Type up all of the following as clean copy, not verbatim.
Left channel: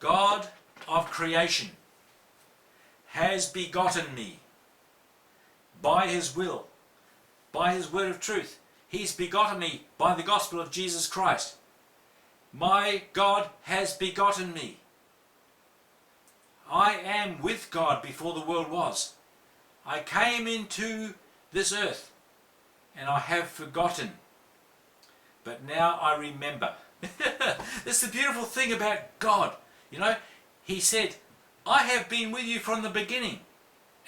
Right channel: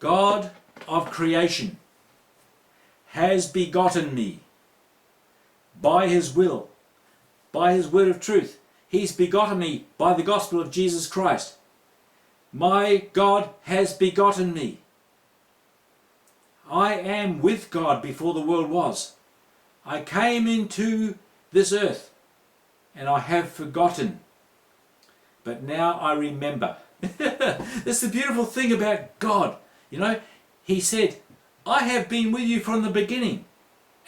God of creation has begotten me by his will, by his word of truth. He's begotten me by the gospel of Jesus Christ. My God has begotten me. I am with God before the world was. I came into this earth and I have forgotten, but now I remember. That's the beautiful thing about God. You know, he said, I have been with you from the beginning,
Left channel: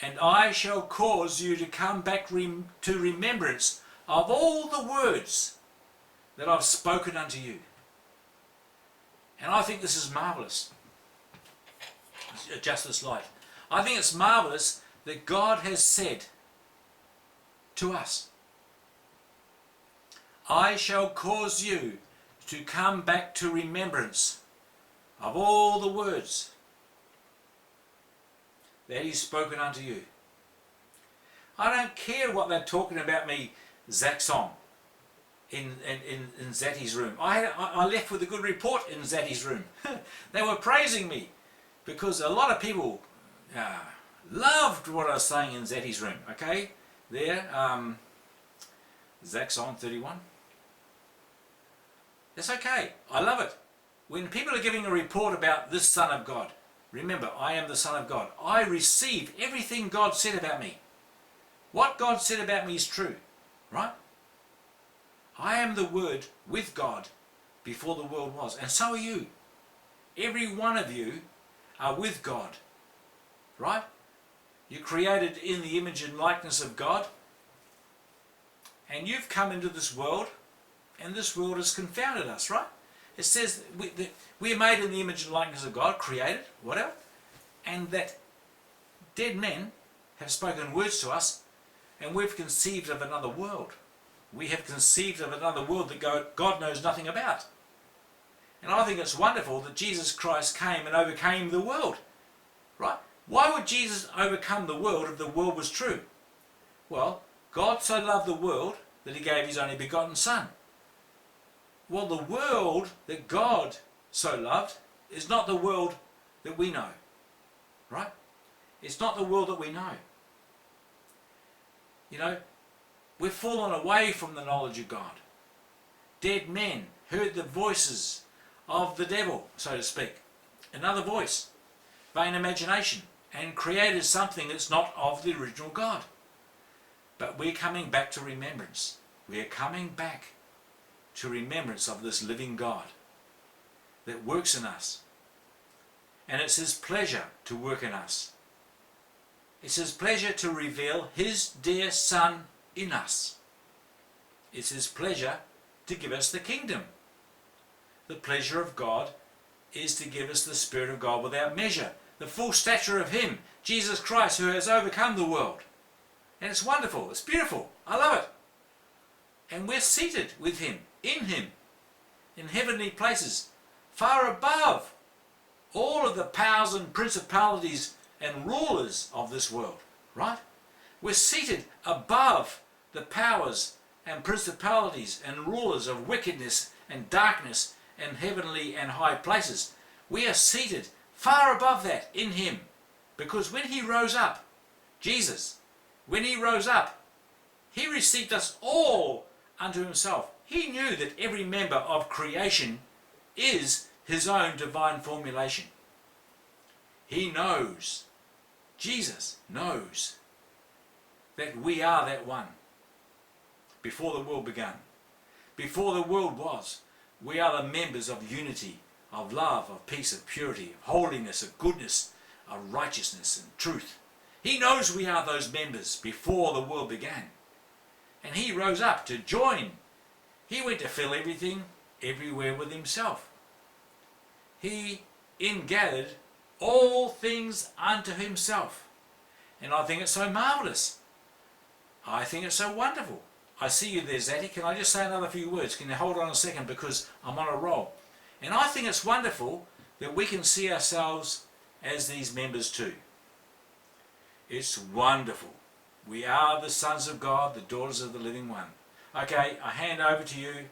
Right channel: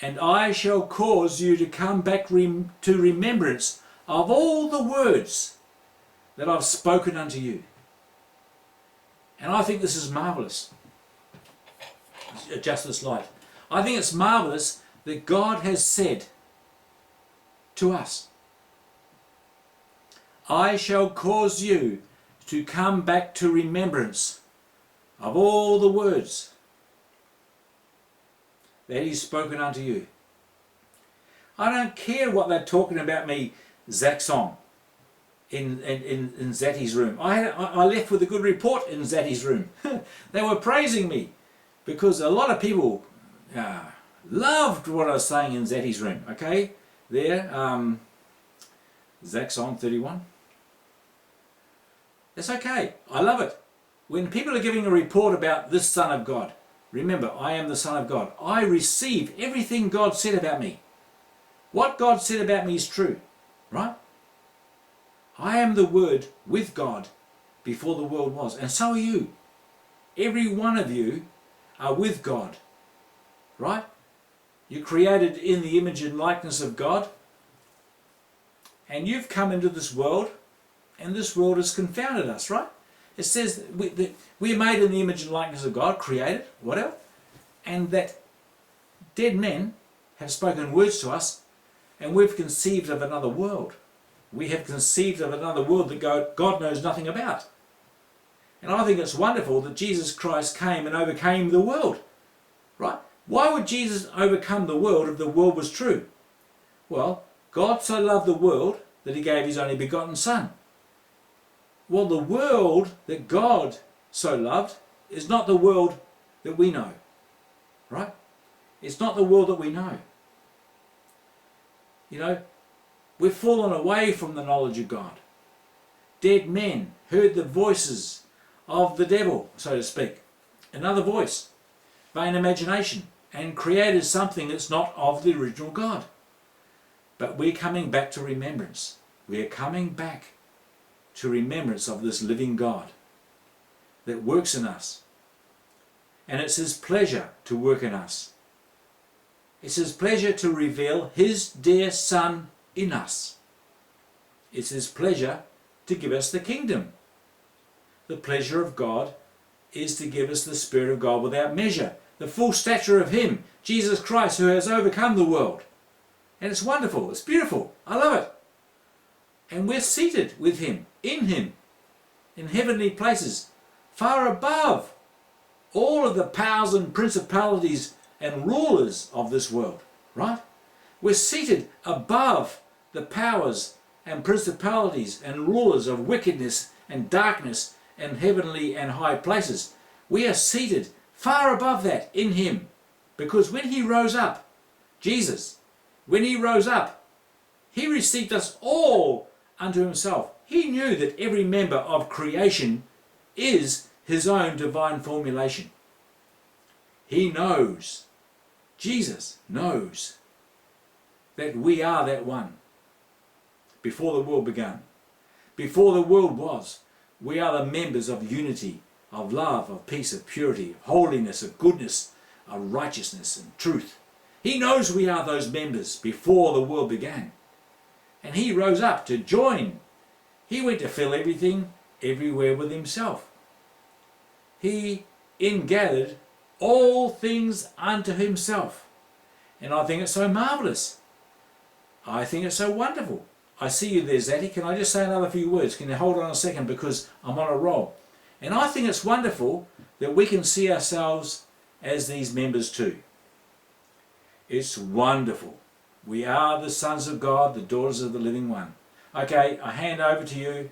and I shall cause you to come back to remembrance of all the words that I've spoken unto you. And I think this is marvellous. Adjust this light. I think it's marvellous that God has said to us, I shall cause you to come back to remembrance of all the words that he's spoken unto you. I don't care what they're talking about me, Zach's song, in Zatty's room. I left with a good report in Zatty's room. They were praising me because a lot of people loved what I was saying in Zatty's room. Okay, there, Zach's song 31. That's okay. I love it. When people are giving a report about this Son of God, remember, I am the Son of God. I receive everything God said about me. What God said about me is true, right? I am the Word with God before the world was, and so are you. Every one of you are with God, right? You're created in the image and likeness of God, and you've come into this world, and this world has confounded us, right? It says that we're made in the image and likeness of God, created, whatever, and that dead men have spoken words to us, and we've conceived of another world. We have conceived of another world that God knows nothing about. And I think it's wonderful that Jesus Christ came and overcame the world, right? Why would Jesus overcome the world if the world was true? Well, God so loved the world that he gave his only begotten Son. Well, the world that God so loved is not the world that we know, right? It's not the world that we know. You know, we've fallen away from the knowledge of God. Dead men heard the voices of the devil, so to speak. Another voice, vain imagination, and created something that's not of the original God. But we're coming back to remembrance. We're coming back to remembrance of this living God that works in us. And it's his pleasure to work in us. It's his pleasure to reveal his dear Son in us. It's his pleasure to give us the kingdom. The pleasure of God is to give us the Spirit of God without measure, the full stature of him, Jesus Christ, who has overcome the world. And it's wonderful, it's beautiful, I love it. And we're seated with him, in heavenly places, far above all of the powers and principalities and rulers of this world, right? We're seated above the powers and principalities and rulers of wickedness and darkness and heavenly and high places. We are seated far above that in him, because when he rose up, Jesus, when he rose up, he received us all unto himself. He knew that every member of creation is his own divine formulation. He knows, Jesus knows, that we are that one. Before the world began, before the world was, we are the members of unity, of love, of peace, of purity, of holiness, of goodness, of righteousness and truth. He knows we are those members before the world began. And he rose up to join. He went to fill everything, everywhere with himself. He ingathered all things unto himself. And I think it's so marvellous. I think it's so wonderful. I see you there, Zatty. Can I just say another few words? Can you hold on a second, because I'm on a roll. And I think it's wonderful that we can see ourselves as these members too. It's wonderful. We are the sons of God, the daughters of the living one. Okay, I hand over to you.